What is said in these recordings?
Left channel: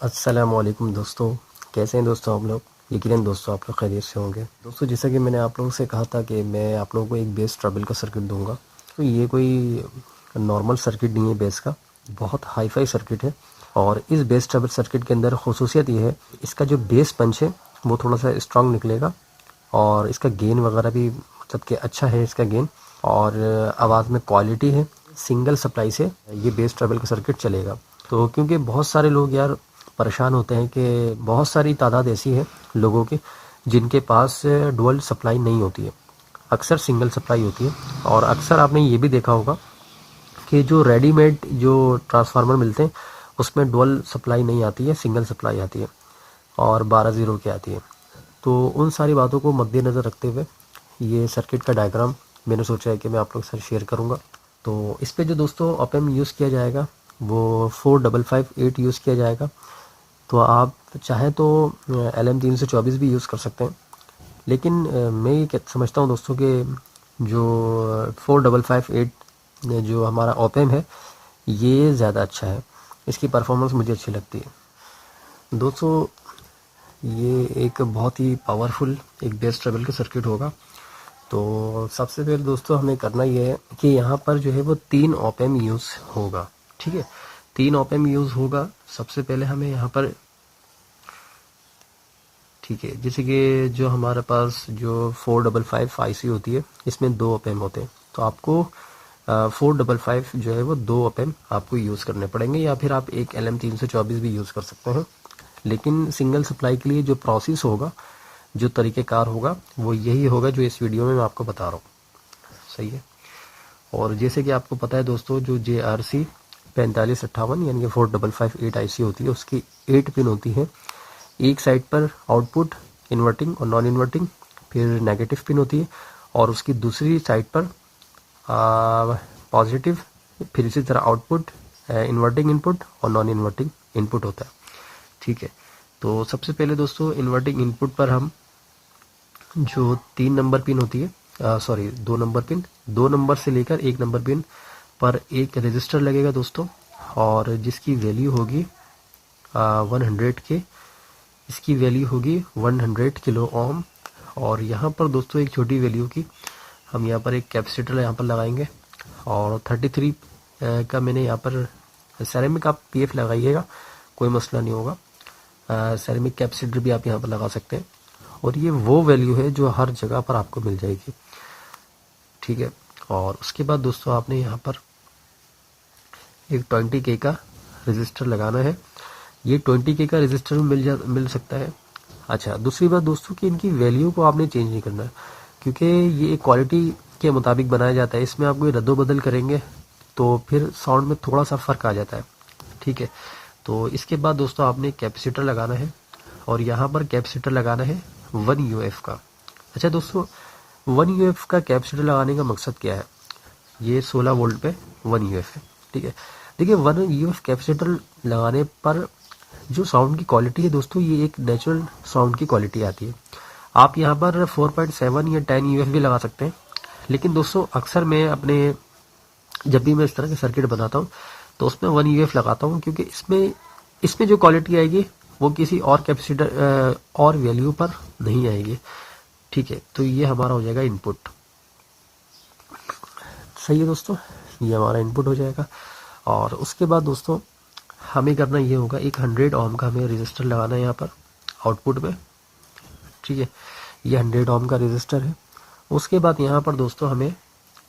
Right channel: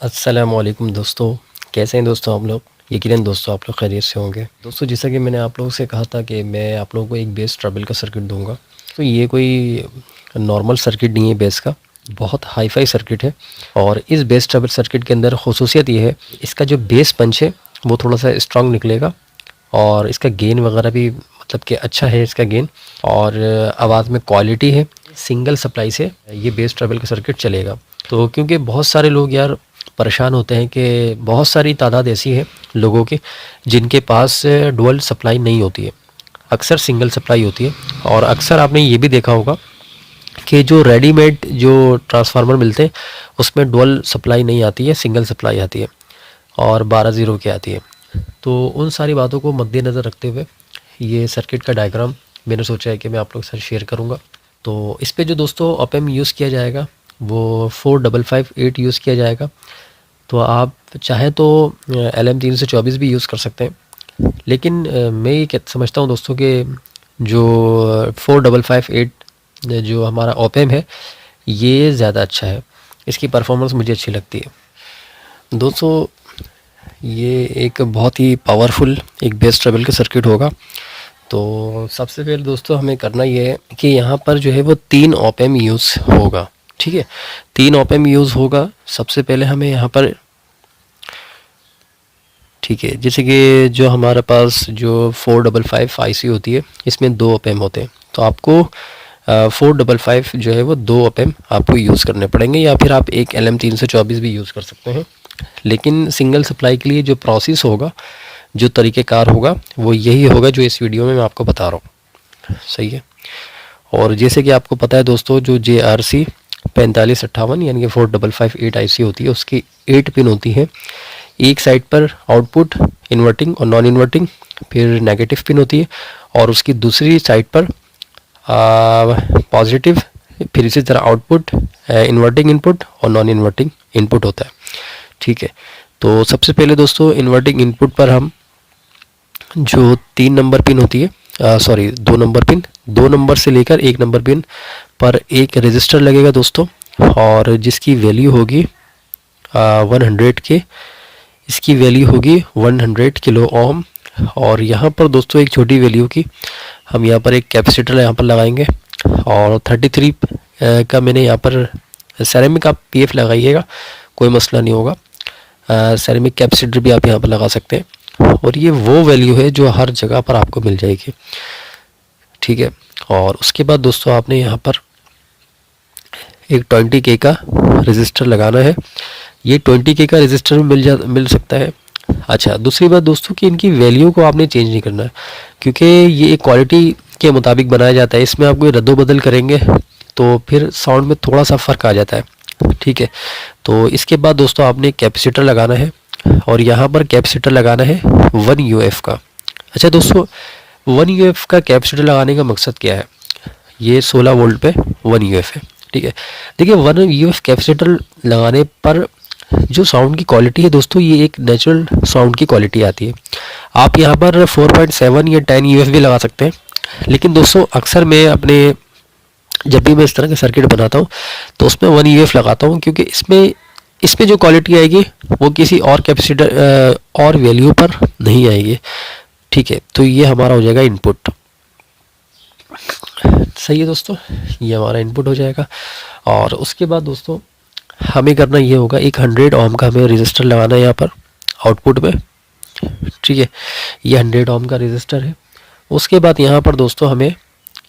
अस्सलामुअलैकुम दोस्तों, कैसे हैं दोस्तों आप लोग। यकीनन दोस्तों आप लोग खैरियत से होंगे। दोस्तों जैसा कि मैंने आप लोगों से कहा था कि मैं आप लोगों को एक बेस ट्रबल का सर्किट दूंगा। तो ये कोई नॉर्मल सर्किट नहीं है, बेस का बहुत हाई फाई सर्किट है। और इस बेस ट्रबल सर्किट के अंदर खसूसियत ये है, इसका जो बेस पंच है वो थोड़ा सा स्ट्रांग निकलेगा और इसका गेन वगैरह भी मतलब कि अच्छा है इसका गेन, और आवाज़ में क्वालिटी है। सिंगल सप्लाई से ये बेस ट्रबल का सर्किट चलेगा। तो क्योंकि बहुत सारे लोग यार परेशान होते हैं कि बहुत सारी तादाद ऐसी है लोगों की जिनके पास डुअल सप्लाई नहीं होती है, अक्सर सिंगल सप्लाई होती है। और अक्सर आपने ये भी देखा होगा कि जो रेडीमेड जो ट्रांसफार्मर मिलते हैं उसमें डुअल सप्लाई नहीं आती है, सिंगल सप्लाई आती है और 12 ज़ीरो की आती है। तो उन सारी बातों को मद्देनज़र रखते हुए ये सर्किट का डायग्राम मैंने सोचा है कि मैं आप लोग के साथ शेयर करूँगा। तो इस पे जो दोस्तों ऑप एम्प यूज़ किया जाएगा वो 4558 यूज़ किया जाएगा। तो आप चाहें तो LM324 भी यूज़ कर सकते हैं, लेकिन मैं ये समझता हूँ दोस्तों कि जो 4558 जो हमारा ऑप एम्प है ये ज़्यादा अच्छा है, इसकी परफॉर्मेंस मुझे अच्छी लगती है दोस्तों। ये एक बहुत ही पावरफुल एक बेस ट्रबल का सर्किट होगा। तो सबसे पहले दोस्तों हमें करना ये है कि यहाँ पर जो है वो 3 ऑप एम्प यूज़ होगा। ठीक है, 3 ऑप एम्प यूज़ होगा। सबसे पहले हमें यहाँ पर, ठीक है, जैसे कि जो हमारे पास जो 455 IC होती है इसमें 2 ऑप एम्प होते हैं। तो आपको 455 जो है वो 2 ऑप एम्प आपको यूज़ करने पड़ेंगे, या फिर आप एक LM324 भी यूज़ कर सकते हैं। लेकिन सिंगल सप्लाई के लिए जो प्रोसेस होगा, जो तरीक़ेकार होगा वो यही होगा जो इस वीडियो में मैं आपको बता रहा हूँ। सही है। और जैसे कि आपको पता है दोस्तों, जो JRC 4558 यानी कि 4558 IC होती है उसकी 8 पिन होती है। एक साइड पर आउटपुट इन्वर्टिंग और नॉन इन्वर्टिंग, फिर नेगेटिव पिन होती है, और उसकी दूसरी साइड पर पॉजिटिव, फिर इसी तरह आउटपुट इन्वर्टिंग इनपुट और नॉन इन्वर्टिंग इनपुट होता है। ठीक है, तो सबसे पहले दोस्तों इन्वर्टिंग इनपुट पर हम जो 3 नंबर पिन होती है, सॉरी 2 नंबर पिन, 2 नंबर से लेकर 1 नंबर पिन पर एक रजिस्टर लगेगा दोस्तों, और जिसकी वैल्यू होगी 100 के, इसकी वैल्यू होगी 100 किलो ओम। और यहाँ पर दोस्तों एक छोटी वैल्यू की हम यहाँ पर एक कैपेसिटर यहाँ पर लगाएंगे, और 33 का मैंने यहाँ पर सेरेमिक, आप PF लगाइएगा कोई मसला नहीं होगा। सेरेमिक कैपेसिटर भी आप यहाँ पर लगा सकते हैं, और ये वो वैल्यू है जो हर जगह पर आपको मिल जाएगी। ठीक है, और उसके बाद दोस्तों आपने यहाँ पर एक 20K का रजिस्टर लगाना है। ये 20K का रजिस्टर मिल सकता है। अच्छा, दूसरी बात दोस्तों कि इनकी वैल्यू को आपने चेंज नहीं करना है, क्योंकि ये एक क्वालिटी के मुताबिक बनाया जाता है। इसमें आप कोई रद्दो-बदल करेंगे तो फिर साउंड में थोड़ा सा फ़र्क आ जाता है। ठीक है, तो इसके बाद दोस्तों आपने कैपेसिटर लगाना है, और यहाँ पर कैपेसिटर लगाना है 1 UF का। अच्छा दोस्तों, 1 UF का कैपेसिटर लगाने का मकसद क्या है? ये 16 वोल्ट पे 1 UF है। ठीक है, देखिए 1 UF कैपेसिटर लगाने पर जो साउंड की क्वालिटी है दोस्तों, ये एक नेचुरल साउंड की क्वालिटी आती है। आप यहाँ पर 4.7 या 10 UF भी लगा सकते हैं, लेकिन दोस्तों अक्सर मैं अपने, जब भी मैं इस तरह का सर्किट बनाता हूँ तो उसमें 1 UF लगाता हूँ, क्योंकि इसमें जो क्वालिटी आएगी वो किसी और कैपेसिटर और वैल्यू पर नहीं आएगी। ठीक है, तो ये हमारा हो जाएगा इनपुट। सही है दोस्तों, ये हमारा इनपुट हो जाएगा। और उसके बाद दोस्तों हमें करना ये होगा, एक 100 ओम का हमें रजिस्टर लगाना है यहाँ पर आउटपुट में। ठीक है, ये 100 ओम का रजिस्टर है। उसके बाद यहाँ पर दोस्तों हमें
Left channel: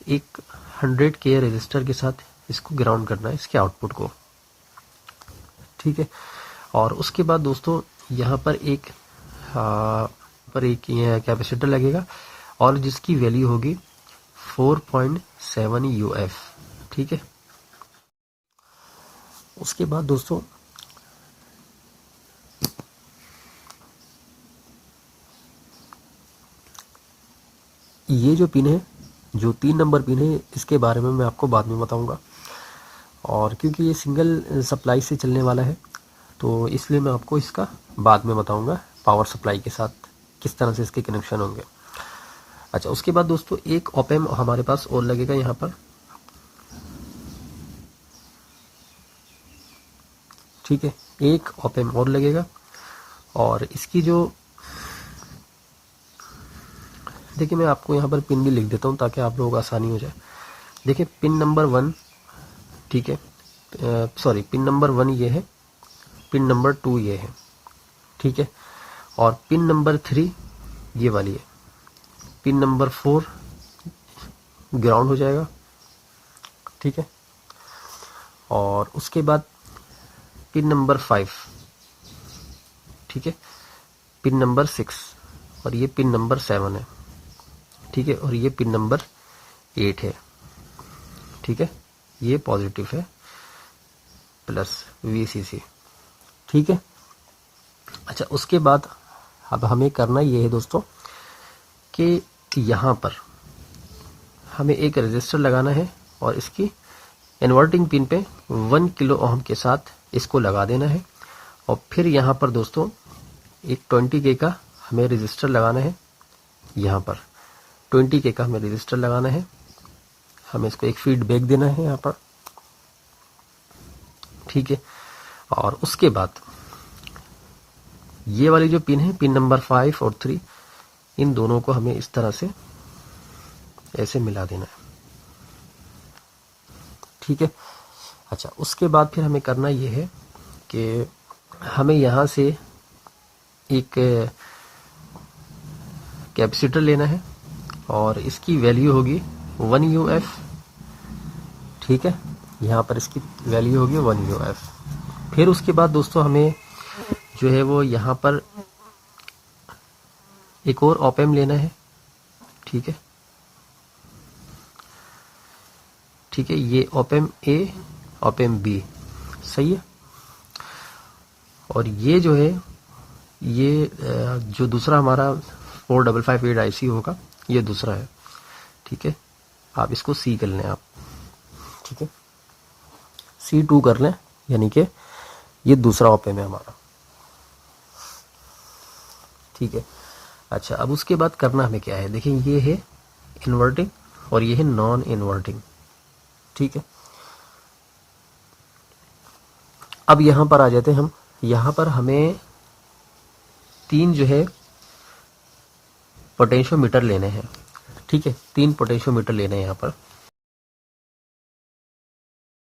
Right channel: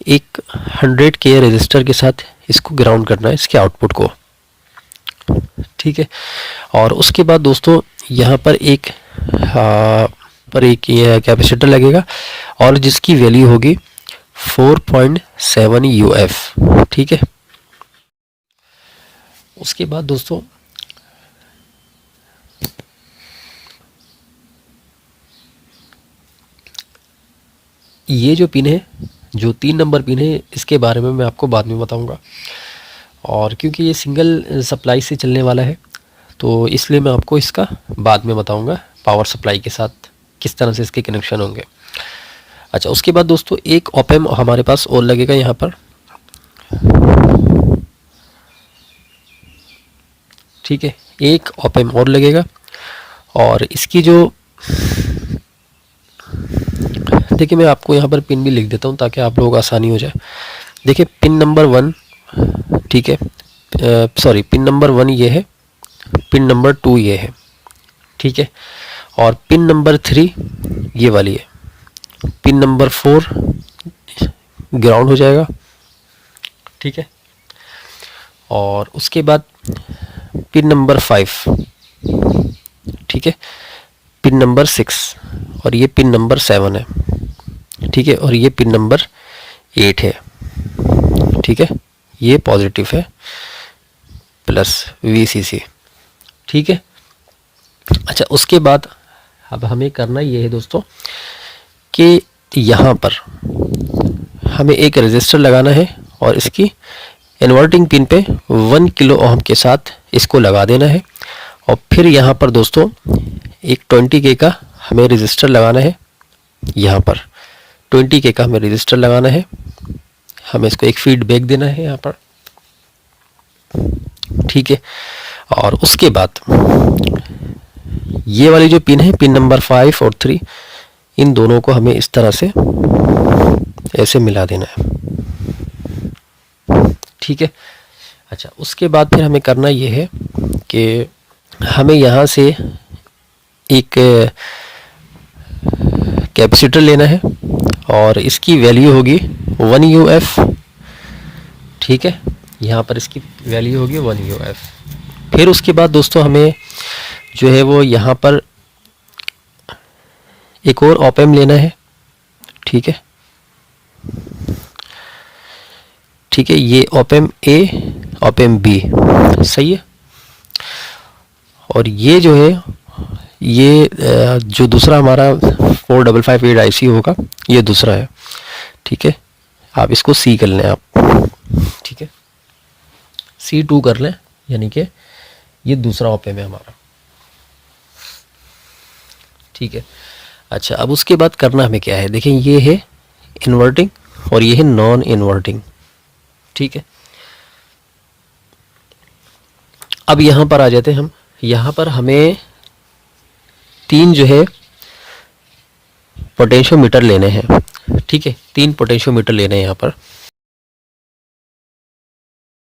एक 100K रजिस्टर के साथ इसको ग्राउंड करना है, इसके आउटपुट को। ठीक है, और उसके बाद दोस्तों यहाँ पर एक ये कैपेसिटर लगेगा, और जिसकी वैल्यू होगी 4.7 UF। ठीक है, उसके बाद दोस्तों ये जो पिन है, जो 3 नंबर पिन है, इसके बारे में मैं आपको बाद में बताऊंगा। और क्योंकि ये सिंगल सप्लाई से चलने वाला है तो इसलिए मैं आपको इसका बाद में बताऊंगा पावर सप्लाई के साथ किस तरह से इसके कनेक्शन होंगे। अच्छा, उसके बाद दोस्तों एक ऑप एम्प हमारे पास और लगेगा यहाँ पर। ठीक है, एक ऑप एम्प और लगेगा। और इसकी जो, देखिए मैं आपको यहाँ पर पिन भी लिख देता हूँ ताकि आप लोगों को आसानी हो जाए। देखिए पिन नंबर 1, ठीक है, सॉरी पिन नंबर 1 ये है, पिन नंबर 2 ये है, ठीक है, और पिन नंबर 3 ये वाली है, पिन नंबर 4 ग्राउंड हो जाएगा, ठीक है, और उसके बाद पिन नंबर 5, ठीक है, पिन नंबर 6, और ये पिन नंबर 7 है, ठीक है, और ये पिन नंबर 8 है, ठीक है, ये पॉजिटिव है प्लस VCC, ठीक है। अच्छा उसके बाद अब हमें करना ये है दोस्तों कि यहाँ पर हमें एक रजिस्टर लगाना है और इसकी इन्वर्टिंग पिन पे 1 किलो ओम के साथ इसको लगा देना है। और फिर यहाँ पर दोस्तों एक 20K का हमें रजिस्टर लगाना है, यहाँ पर 20K का हमें रजिस्टर लगाना है, हमें इसको एक फीडबैक देना है यहाँ पर, ठीक है। और उसके बाद ये वाली जो पिन है, पिन नंबर 5 और 3, इन दोनों को हमें इस तरह से ऐसे मिला देना है, ठीक है। अच्छा उसके बाद फिर हमें करना ये है कि हमें यहाँ से एक कैपेसिटर लेना है और इसकी वैल्यू होगी 1 UF, ठीक है, यहाँ पर इसकी वैल्यू होगी 1 UF। फिर उसके बाद दोस्तों हमें जो है वो यहाँ पर एक और ऑप एम्प लेना है, ठीक है, ठीक है, ये op amp A, op amp B, सही है। और ये जो है ये जो दूसरा हमारा 4558 IC होगा, ये दूसरा है, ठीक है, आप इसको C कर लें आप, ठीक है, C2 कर लें, यानी कि ये दूसरा ऑप एम्प है हमारा, ठीक है। अच्छा अब उसके बाद करना हमें क्या है, देखिए ये है इन्वर्टिंग और ये है नॉन इन्वर्टिंग, ठीक है। अब यहाँ पर आ जाते हैं हम, यहाँ पर हमें 3 जो है पोटेंशियोमीटर लेने हैं, ठीक है, 3 पोटेंशियोमीटर लेने हैं यहाँ पर,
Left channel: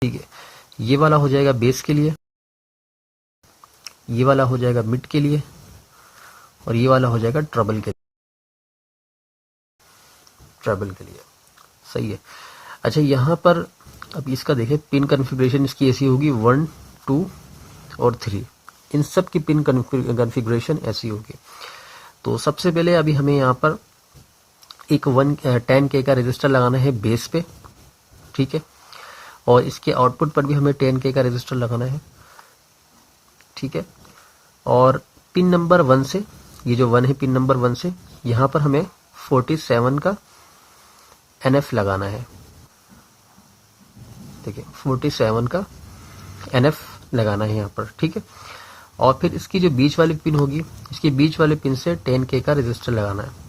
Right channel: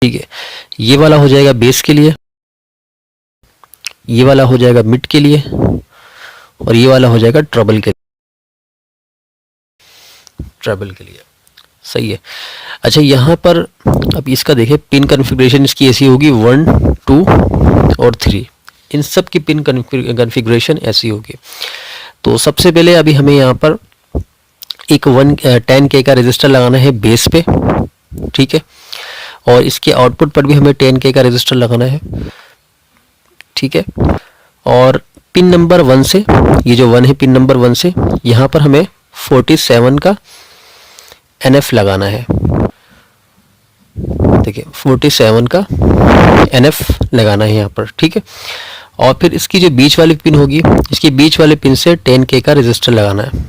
ठीक है। ये वाला हो जाएगा बेस के लिए, ये वाला हो जाएगा मिड के लिए, और ये वाला हो जाएगा ट्रबल के लिए, सही है। अच्छा यहाँ पर अब इसका देखें पिन कॉन्फ़िगरेशन इसकी ऐसी होगी 1, 2 और 3, इन सब की पिन कॉन्फ़िगरेशन ऐसी होगी। तो सबसे पहले अभी हमें यहाँ पर एक 10K का रजिस्टर लगाना है बेस पे, ठीक है, और इसके आउटपुट पर भी हमें 10K का रजिस्टर लगाना है, ठीक है। और पिन नंबर 1 से, ये जो 1 है पिन नंबर 1 से, यहाँ पर हमें 47 का NF लगाना है, देखिए 47 का NF लगाना है यहाँ पर, ठीक है। और फिर इसकी जो बीच वाली पिन होगी, इसकी बीच वाले पिन से 10K का रजिस्टर लगाना है।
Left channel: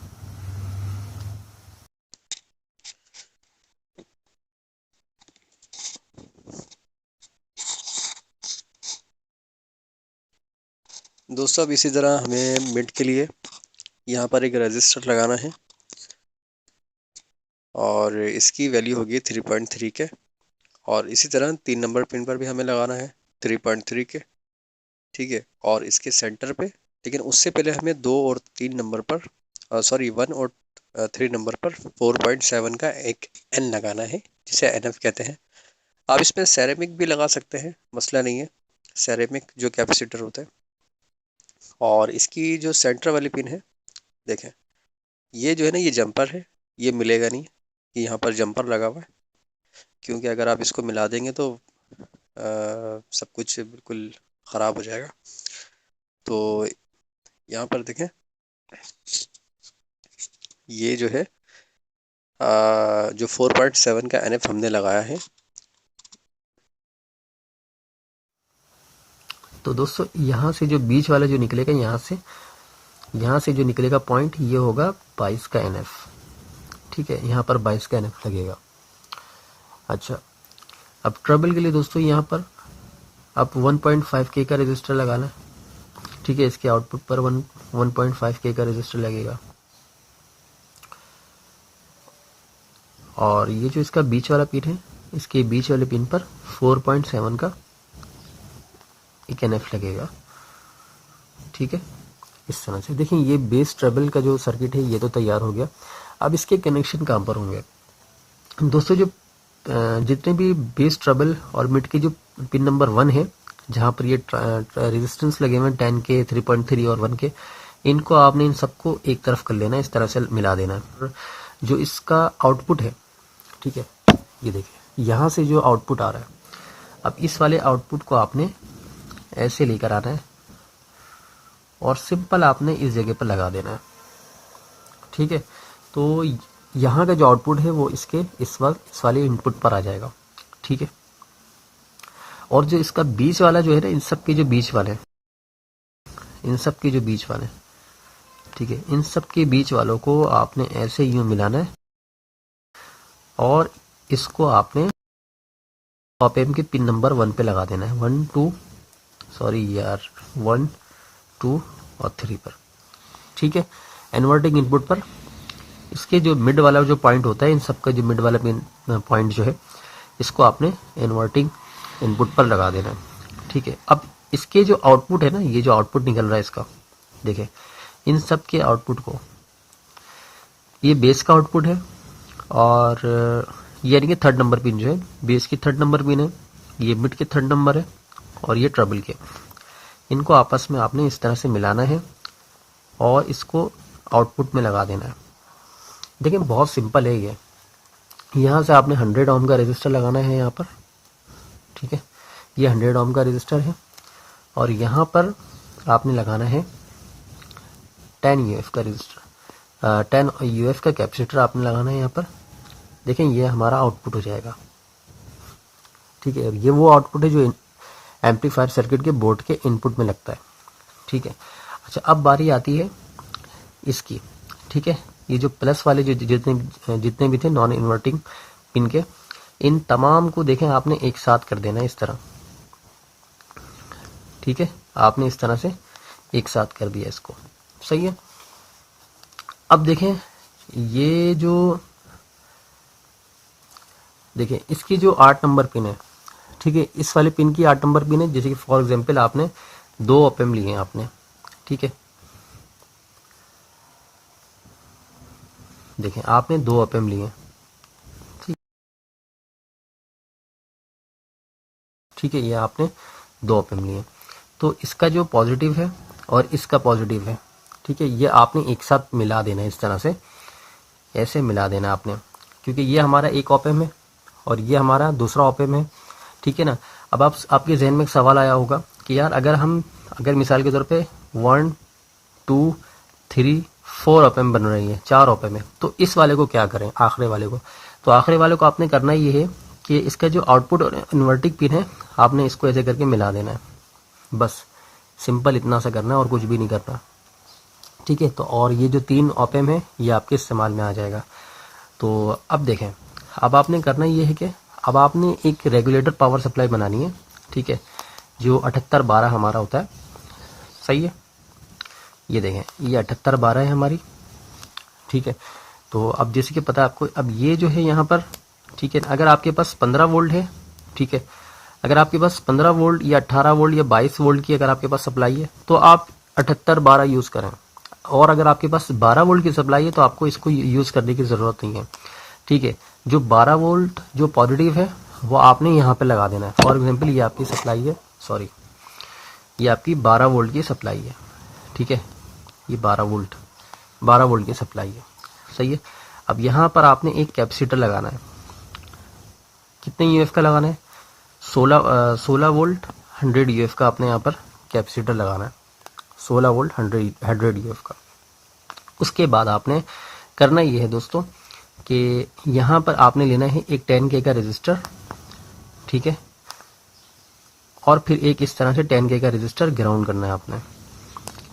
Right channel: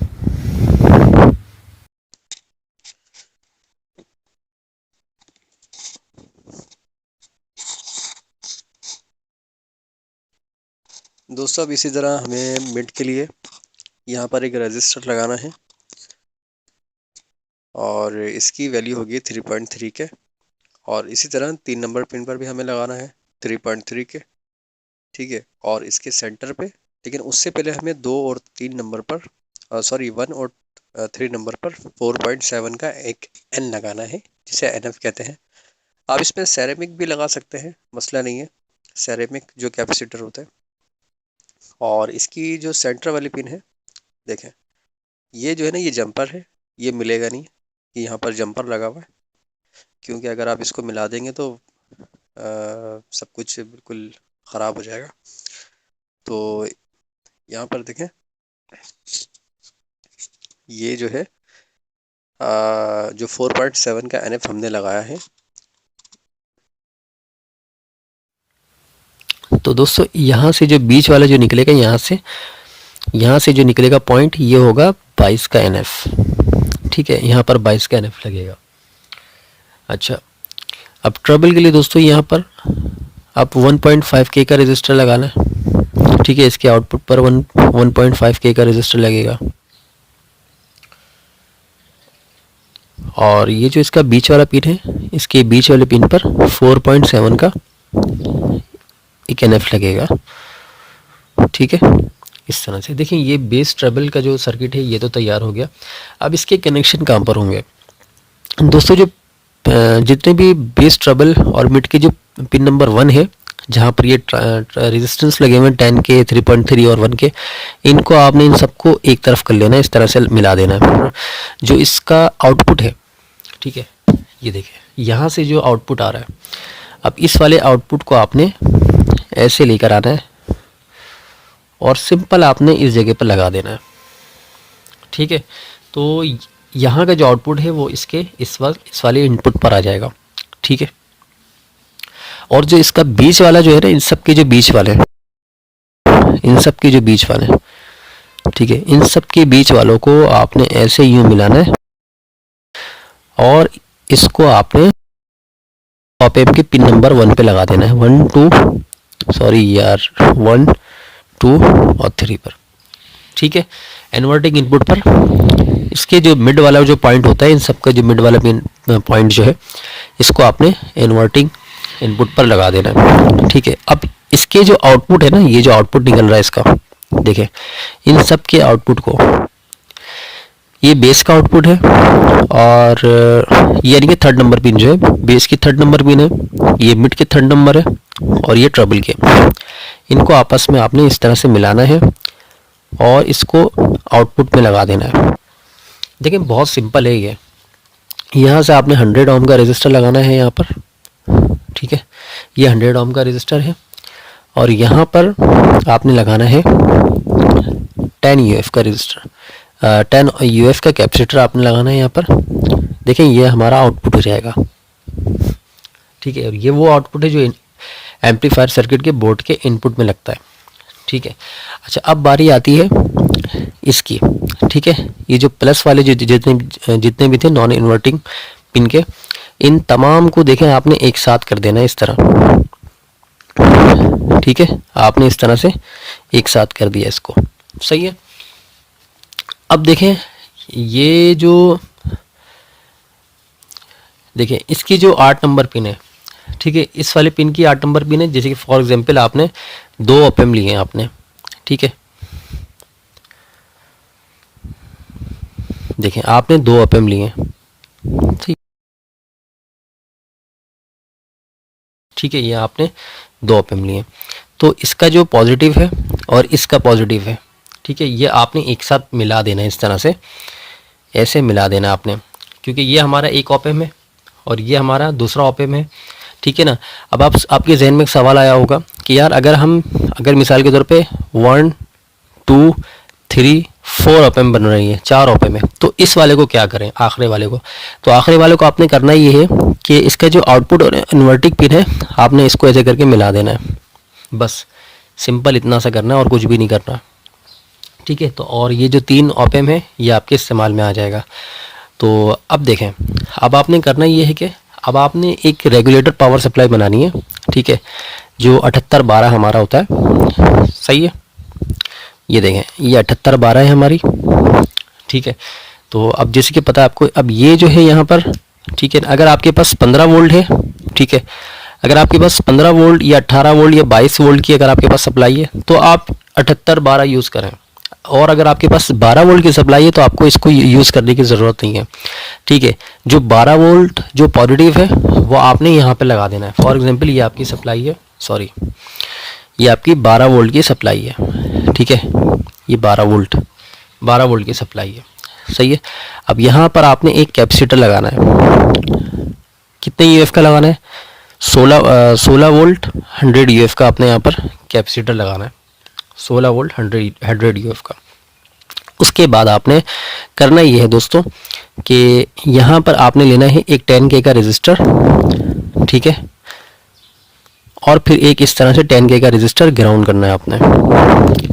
दोस्तों अब इसी तरह हमें मिड के लिए यहाँ पर एक रजिस्टर लगाना है और इसकी वैल्यू होगी 3.3 के, और इसी तरह 3 नंबर पिन पर भी हमें लगाना है 3.3 के, ठीक है। और इसके सेंटर पे, लेकिन उससे पहले हमें 2 और 3 नंबर पर, सॉरी 1 और 3 नंबर पर 4.7 का एक N लगाना है, जिसे NF कहते हैं। आप इसमें सेरेमिक भी लगा सकते हैं, मसला नहीं है, सेरेमिक जो कैपेसिटर होता है। और इसकी जो सेंटर वाली पिन है, देखें ये जो है ना, ये जंपर है, ये मिलेगा नहीं, कि यहाँ पर जंपर लगा हुआ है, क्योंकि अगर आप इसको मिला देंगे तो सब कुछ बिल्कुल ख़राब हो जाएगा। तो यहाँ पर देखें ये जो है जो 4.7 का NF हमने लगाया है। तो दोस्तों यहाँ से जो बीच वाला जो निकलेगा, यहाँ से जो निकलेगा पॉइंट, ये होगा 22 का NF, ठीक है, यहाँ पर 22 का NF लगेगा। अच्छा अब ट्रबल के लिए दोस्तों यहाँ पर अब 1.5K का रजिस्टर लगाना है, ठीक है। इसके आउटपुट पर 1.5K का रजिस्टर लगेगा। और ये जो इसका बीच वाला पिन है, इसके बीच वाले पिन पर 4.7 का एक NF लगेगा, ठीक है। इस तरह से देखिए ये बेस ट्रबल का जो सर्किट है ये तो तैयार हो गया। अब इसके कनेक्शन कहाँ पर होंगे दोस्तों? जो जितने भी बेस ट्रबल और मिड के जो पिन नंबर 1 है, जहाँ पर ये रेजिस्टेंस लगे हुए हैं 10K, 3.3 और 1K, इनको आपने इन सबको एक तरफ कर लेना है, इस तरह से मिला देना है। जो इसका आउटपुट है, ठीक है, ये देखिए यहाँ से जो आउटपुट आ रहा है, अब इस वाले आउटपुट को आपने ऐसे लेकर आना है और सिंपल आपने इस जगह पर लगा देना है, ठीक है। तो यहाँ का जो आउटपुट है वो इसके इस वाले इनपुट पर आ जाएगा, ठीक है। और जो इसका बीच वाला जो है ना, इन सब के जो बीच वाले हैं, इन सब के जो बीच वाले हैं, ठीक है, इन सब के बीच वालों को आपने ऐसे यूं मिलाना है और इसको आपने ऑप एम्प के पिन नंबर 1 पे लगा देना है। 1 2 और 3 पर, ठीक है, इन्वर्टिंग इनपुट पर। इसके जो मिड वाला जो पॉइंट होता है, इन सब का जो मिड वाला पॉइंट जो है, इसको आपने इन्वर्टिंग इनपुट पर लगा देना है, ठीक है। अब इसके जो आउटपुट है ना, ये जो आउटपुट निकल रहा है इसका, देखें इन सब के आउटपुट को, ये बेस का आउटपुट है और ये यानी कि थर्ड नंबर पिन जो है, बेस की थर्ड नंबर पिन है, ये मिड के थर्ड नंबर है और ये ट्रबल के, इनको आपस में आपने इस तरह से मिलाना है और इसको आउटपुट में लगा देना है। देखिए बहुत सिंपल है ये। यहाँ से आपने 100 ओम का रेजिस्टर लगाना है यहाँ पर, ठीक है, ये 100 ओम का रेजिस्टर है और यहाँ पर आपने लगाना है 10 UF का रेजिस्टर, 10 UF का कैपेसिटर आपने लगाना है यहाँ पर। देखें ये हमारा आउटपुट हो जाएगा, ठीक है। और ये वो आउटपुट है जो एम्पलीफायर सर्किट के बोर्ड के इनपुट में लगता है, ठीक है। अच्छा अब बारी आती है इसकी, ठीक है। ये जो प्लस वाले जो जितने भी थे नॉन इन्वर्टिंग पिन के, इन तमाम को देखें आपने एक साथ कर देना है इस तरह, ठीक है। आपने इस तरह से एक साथ कर दिया इसको, सही है। अब देखें ये जो देखें इसकी जो 8 नंबर पिन है, ठीक है, इस वाले पिन की 8 नंबर पिन है। जैसे कि फॉर एग्जांपल आपने 2 ऑप एम्प लिए हैं आपने, ठीक है, देखें आपने 2 ऑप एम्प लिए हैं, ठीक है, ये आपने 2 ऑप एम्प लिए। तो इसका जो पॉजिटिव है और इसका पॉजिटिव है, ठीक है, ये आपने एक साथ मिला देना है इस तरह से, ऐसे मिला देना आपने, क्योंकि ये हमारा एक ऑप एम्प है और ये हमारा दूसरा ऑप एम्प है, ठीक है ना। अब आपके जहन में एक सवाल आया होगा कि यार अगर मिसाल के तौर पे 1 2 3 4 ऑप एम्प बन रही है, 4 ऑप एम्प है, तो इस वाले को क्या करें, आखिरी वाले को? तो आखिरी वाले को आपने करना ये है कि इसका जो आउटपुट और इन्वर्टिंग पिन है, आपने इसको ऐसे करके मिला देना है, बस सिंपल इतना सा करना है और कुछ भी नहीं करना, ठीक है। तो और ये जो 3 ऑप एम्प है ये आपके इस्तेमाल में आ जाएगा। तो अब देखें, अब आपने करना ये है कि अब आपने एक रेगुलेटर पावर सप्लाई बनानी है, ठीक है, जो 7812 हमारा होता है, सही है। ये देखें ये 7812 है हमारी, ठीक है। तो अब जैसे कि पता है आपको, अब ये जो है यहाँ पर, ठीक है, अगर आपके पास 15 वोल्ट है, ठीक है, अगर आपके पास 15 वोल्ट या 18 वोल्ट या 22 वोल्ट की अगर आपके पास सप्लाई है तो आप 7812 यूज़ करें, और अगर आपके पास 12 वोल्ट की सप्लाई है तो आपको इसको यूज़ करने की ज़रूरत नहीं है, ठीक है। जो 12 वोल्ट जो पॉजिटिव है वो आपने यहाँ पे लगा देना है। फॉर एग्जांपल ये आपकी सप्लाई है, सॉरी ये आपकी 12 वोल्ट की सप्लाई है, ठीक है, ये 12 वोल्ट की सप्लाई है, सही है। अब यहाँ पर आपने एक कैपेसिटर लगाना है, कितने यूएफ का लगाना है? 16 वोल्ट 100 यूएफ का आपने यहाँ पर कैपेसिटर लगाना है, 16 वोल्ट 100 यूएफ का। उसके बाद आपने करना ये है दोस्तों कि यहाँ पर आपने लेना है एक 10K का रजिस्टर, ठीक है, और फिर एक इस तरह से 10K का रजिस्टर ग्राउंड करना है आपने,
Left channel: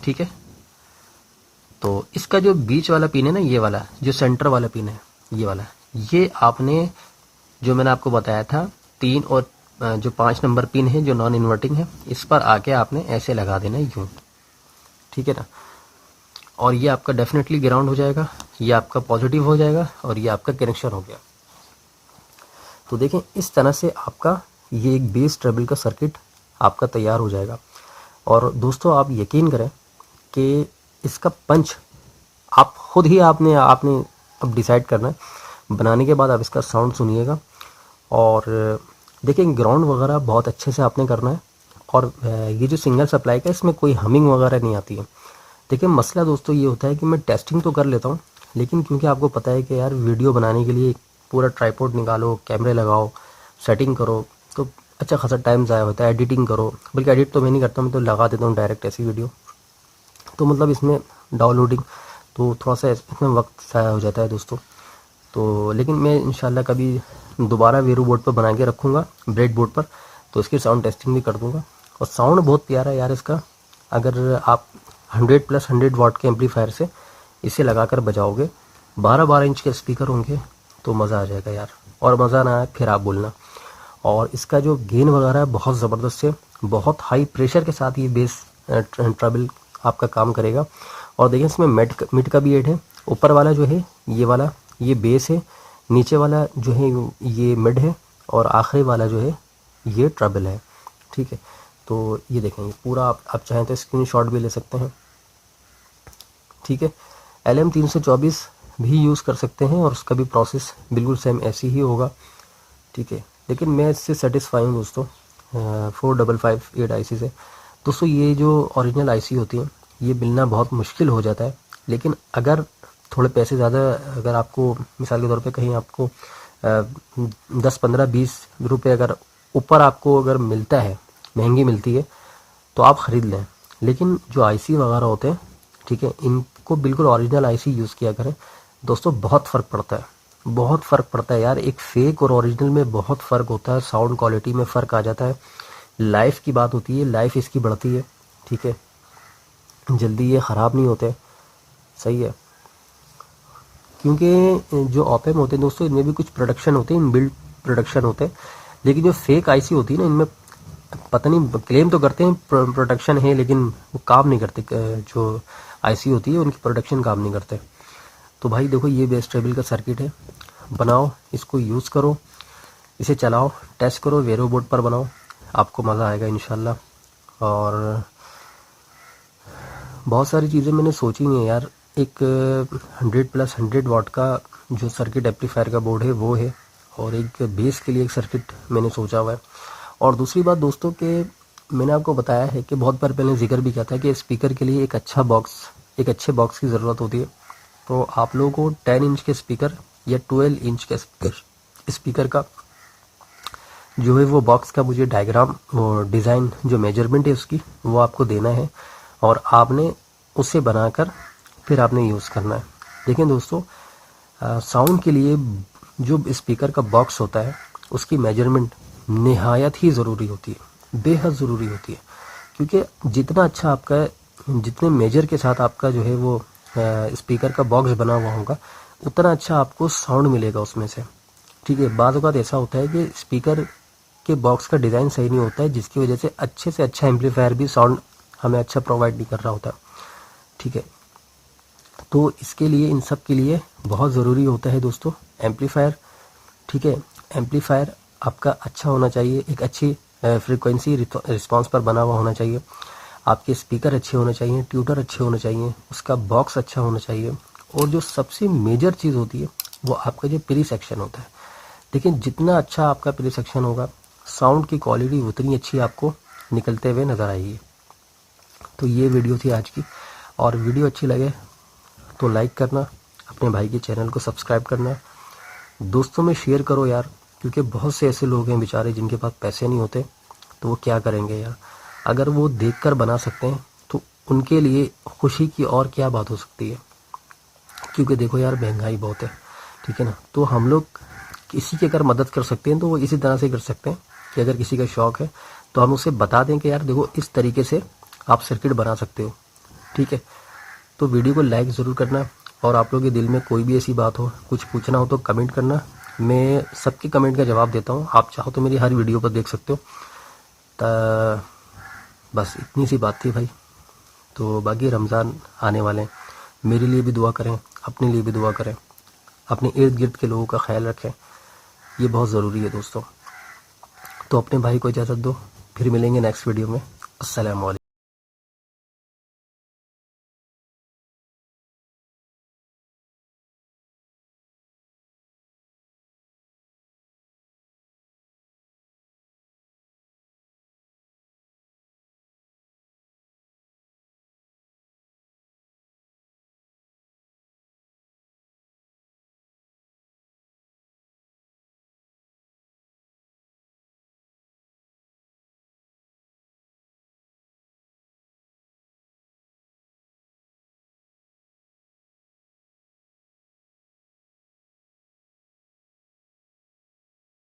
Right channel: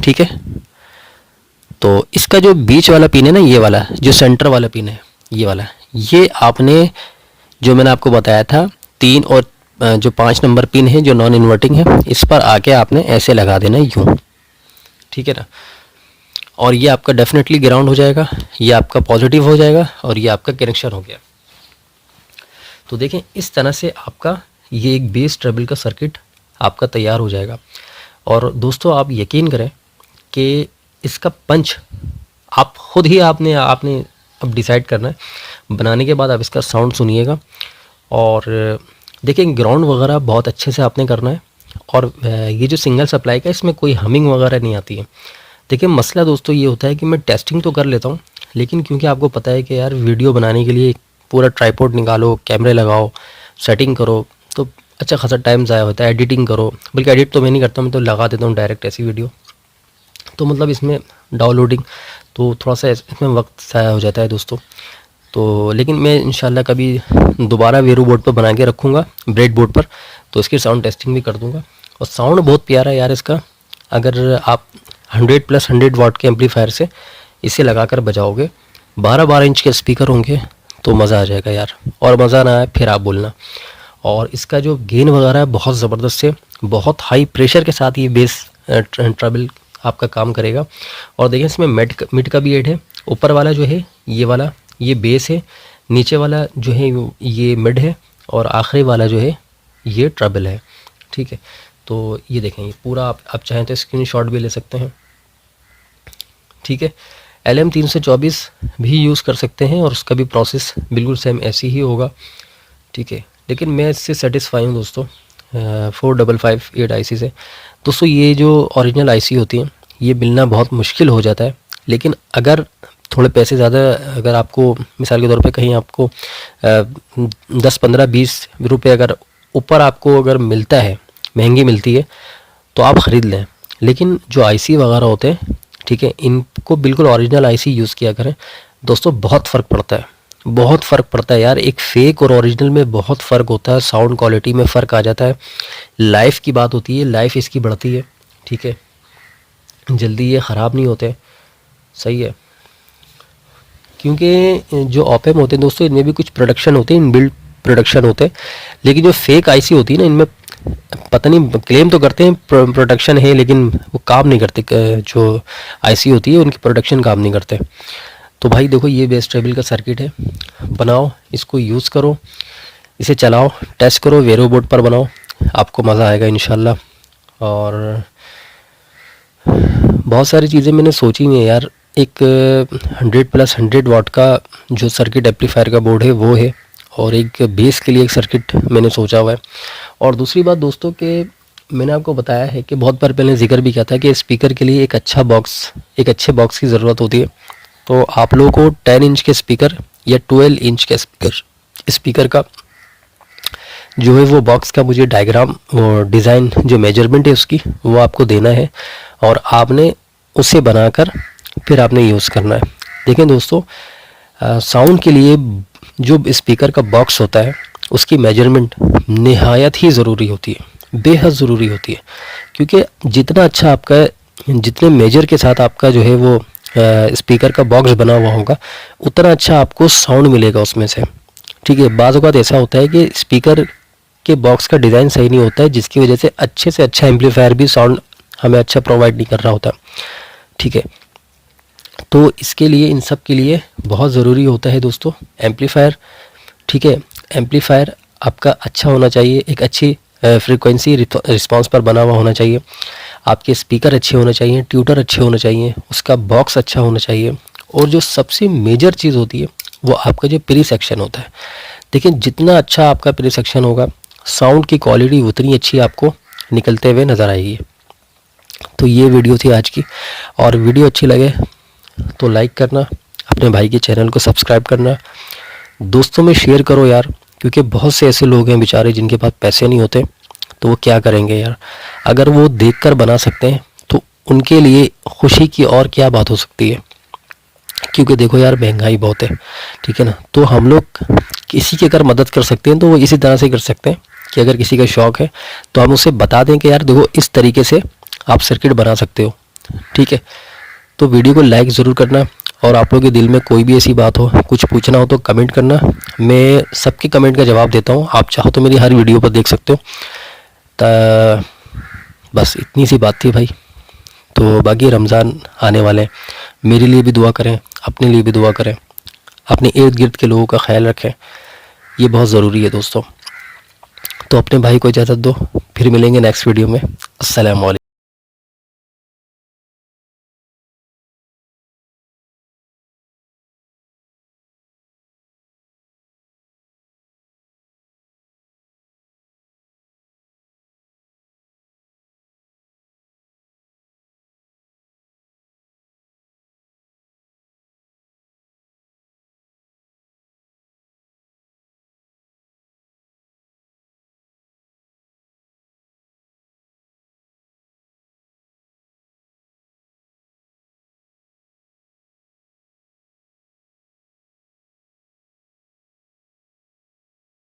ठीक है। तो इसका जो बीच वाला पिन है ना, ये वाला जो सेंटर वाला पिन है, ये वाला, ये आपने जो मैंने आपको बताया था 3 और जो 5 नंबर पिन है जो नॉन इन्वर्टिंग है, इस पर आके आपने ऐसे लगा देना यूँ, ठीक है ना। और ये आपका डेफिनेटली ग्राउंड हो जाएगा, ये आपका पॉजिटिव हो जाएगा और ये आपका कनेक्शन हो गया। तो देखें इस तरह से आपका ये एक बेस ट्रबल का सर्किट आपका तैयार हो जाएगा। और दोस्तों आप यकीन करें कि इसका पंच आप खुद ही आपने अब डिसाइड करना है। बनाने के बाद आप इसका साउंड सुनिएगा और देखिए ग्राउंड वगैरह बहुत अच्छे से आपने करना है। और ये जो सिंगल सप्लाई का इसमें कोई हमिंग वगैरह नहीं आती है। देखिए मसला दोस्तों ये होता है कि मैं टेस्टिंग तो कर लेता हूँ, लेकिन क्योंकि आपको पता है कि यार वीडियो बनाने के लिए पूरा ट्राइपॉड निकालो, कैमरे लगाओ, सेटिंग करो, तो अच्छा खासा टाइम ज़ाया होता है। एडिटिंग करो, बल्कि एडिट तो मैं नहीं करता हूँ, मैं तो लगा देता हूँ डायरेक्ट ऐसी वीडियो। तो मतलब इसमें डाउनलोडिंग तो थोड़ा सा इसमें वक्त ज़ाया हो जाता है दोस्तों। तो लेकिन मैं इंशाल्लाह कभी दोबारा वेरू बोर्ड पर बना के रखूँगा, ब्रेड बोर्ड पर, तो इसकी साउंड टेस्टिंग भी कर दूँगा। और साउंड बहुत प्यारा है यार इसका। अगर आप 100+100 वाट के एम्पलीफायर से इसे लगाकर बजाओगे, 12-12 इंच के स्पीकर होंगे, तो मज़ा आ जाएगा यार। और मज़ा ना आए फिर आप बोलना। और इसका जो गेन वगैरह है बहुत ज़बरदस्त है, बहुत हाई प्रेशर के साथ ये बेस ट्रबल आपका काम करेगा। और देखिए इसमें मिड का भी एड है। ऊपर वाला जो है ये वाला ये बेस है, नीचे वाला जो है ये मिड है और आखिरी वाला जो है ये ट्रबल है, ठीक है। तो ये देखें ये पूरा आप चाहें तो स्क्रीनशॉट भी ले सकते हैं, ठीक है। LM324 भी यूज़ कर सकते हैं और उसका भी प्रोसेस बिल्कुल सेम ऐसी ही होगा, ठीक है। लेकिन मैं इससे सेटिस्फाई हूँ दोस्तों 4558 आईसी से। दोस्तों ये जो ओरिजिनल आईसी होती हैं ये मिलना बहुत मुश्किल हो जाता है, लेकिन अगर थोड़े पैसे ज़्यादा, अगर आपको मिसाल के तौर पे कहीं आपको 10-15-20 रुपये अगर ऊपर आपको अगर मिलता है, महंगी मिलती है, तो आप ख़रीद लें। लेकिन जो आईसी वगैरह होते हैं, ठीक है, इनको बिल्कुल ओरिजिनल आईसी यूज़ किया करें दोस्तों। बहुत फ़र्क पड़ता है, बहुत फ़र्क पड़ता है यार। एक फ़ेक और ओरिजिनल में बहुत फ़र्क होता है, साउंड क्वालिटी में फ़र्क आ जाता है। लाइफ की बात होती है, लाइफ इसकी बढ़ती है, ठीक है। जल्दी ये ख़राब नहीं होते, सही है। क्योंकि जो ऑपएम होते हैं दोस्तों इनमें भी कुछ प्रोडक्शन होते हैं, इनबिल्ट प्रोडक्शन होते हैं। लेकिन जो फेक आईसी होती है ना, इनमें पता नहीं, क्लेम तो करते हैं प्रोडक्शन है, लेकिन वो काम नहीं करते। जो आईसी होती है उनकी प्रोडक्शन काम नहीं करते। तो भाई देखो ये बेस ट्रबल का सर्किट है, बनाओ, इसको यूज़ करो, इसे चलाओ, टेस्ट करो, वेरो बोर्ड पर बनाओ, आपको मज़ा आएगा इंशाल्लाह। और बहुत सारी चीज़ें मैंने सोची हुई हैं यार। एक 100+100 वाट का जो सर्किट एम्पलीफायर का बोर्ड है वो है, और एक बेस के लिए एक सर्किट मैंने सोचा हुआ है। और दूसरी बात दोस्तों कि मैंने आपको बताया है कि बहुत बार पहले जिक्र भी किया था कि स्पीकर के लिए एक अच्छे बॉक्स की ज़रूरत होती है। तो आप लोगों को 10 इंच के स्पीकर या 12 इंच के स्पीकर का जो है वो बॉक्स का मुझे डायग्राम और डिज़ाइन जो मेजरमेंट है उसकी वो आपको देना है, और आपने उसे बनाकर फिर आपने यूज़ करना है। देखें दोस्तों साउंड के लिए जो स्पीकर का बॉक्स होता है उसकी मेजरमेंट निहायत ही ज़रूरी होती है, बेहद ज़रूरी होती है। क्योंकि जितना अच्छा आपका, जितने मेजर के साथ आपका जो है वो स्पीकर का बॉक्स बना हुआ होगा, उतना अच्छा आपको साउंड मिलेगा उसमें से, ठीक है। बाज़ औक़ात ऐसा होता है कि स्पीकर के बॉक्स का डिज़ाइन सही नहीं होता है, जिसकी वजह से अच्छे से अच्छा एम्पलीफायर भी साउंड हमें अच्छा प्रोवाइड नहीं कर रहा होता, ठीक है। तो इसके लिए, इन सब के लिए बहुत ज़रूरी होता है दोस्तों एम्पलीफायर, ठीक है। एम्पलीफायर आपका अच्छा होना चाहिए, एक अच्छी फ्रीक्वेंसी रिस्पांस पर बना हुआ होना चाहिए, आपके स्पीकर अच्छे होने चाहिए, ट्यूटर अच्छे होने चाहिए, उसका बॉक्स अच्छा होना चाहिए, और जो सबसे मेजर चीज़ होती है वो आपका जो प्री सेक्शन होता है। देखिए जितना अच्छा आपका प्री सेक्शन होगा, साउंड की क्वालिटी उतनी अच्छी आपको निकलते हुए नज़र आएगी। तो ये वीडियो थी आज की, और वीडियो अच्छी लगे तो लाइक करना, अपने भाई के चैनल को सब्सक्राइब करना, दोस्तों में शेयर करो यार। क्योंकि बहुत से ऐसे लोग हैं बेचारे जिनके पास पैसे नहीं होते, तो वो क्या करेंगे यार। अगर वो देखकर बना सकते हैं तो उनके लिए खुशी की और क्या बात हो सकती है। क्योंकि देखो यार महंगाई बहुत है, ठीक है ना। तो हम लोग किसी की अगर मदद कर सकते हैं तो वो इसी तरह से कर सकते हैं कि अगर किसी का शौक़ है तो हम उसे बता दें कि यार देखो इस तरीके से आप सर्किट बना सकते हो, ठीक है। तो वीडियो को लाइक ज़रूर करना, और आप लोगों के दिल में कोई भी ऐसी बात हो, कुछ पूछना हो तो कमेंट करना, मैं सबके कमेंट का जवाब देता हूँ। आप चाहो तो मेरी हर वीडियो पर देख सकते हो। बस इतनी सी बात थी भाई। तो बाकी रमज़ान आने वाले हैं, मेरे लिए भी दुआ करें, अपने लिए भी दुआ करें, अपने इर्द गिर्द के लोगों का ख्याल रखें, ये बहुत ज़रूरी है दोस्तों। तो अपने भाई को इजाज़त दो, फिर मिलेंगे नेक्स्ट वीडियो में। अस्सलाम वालेकुम।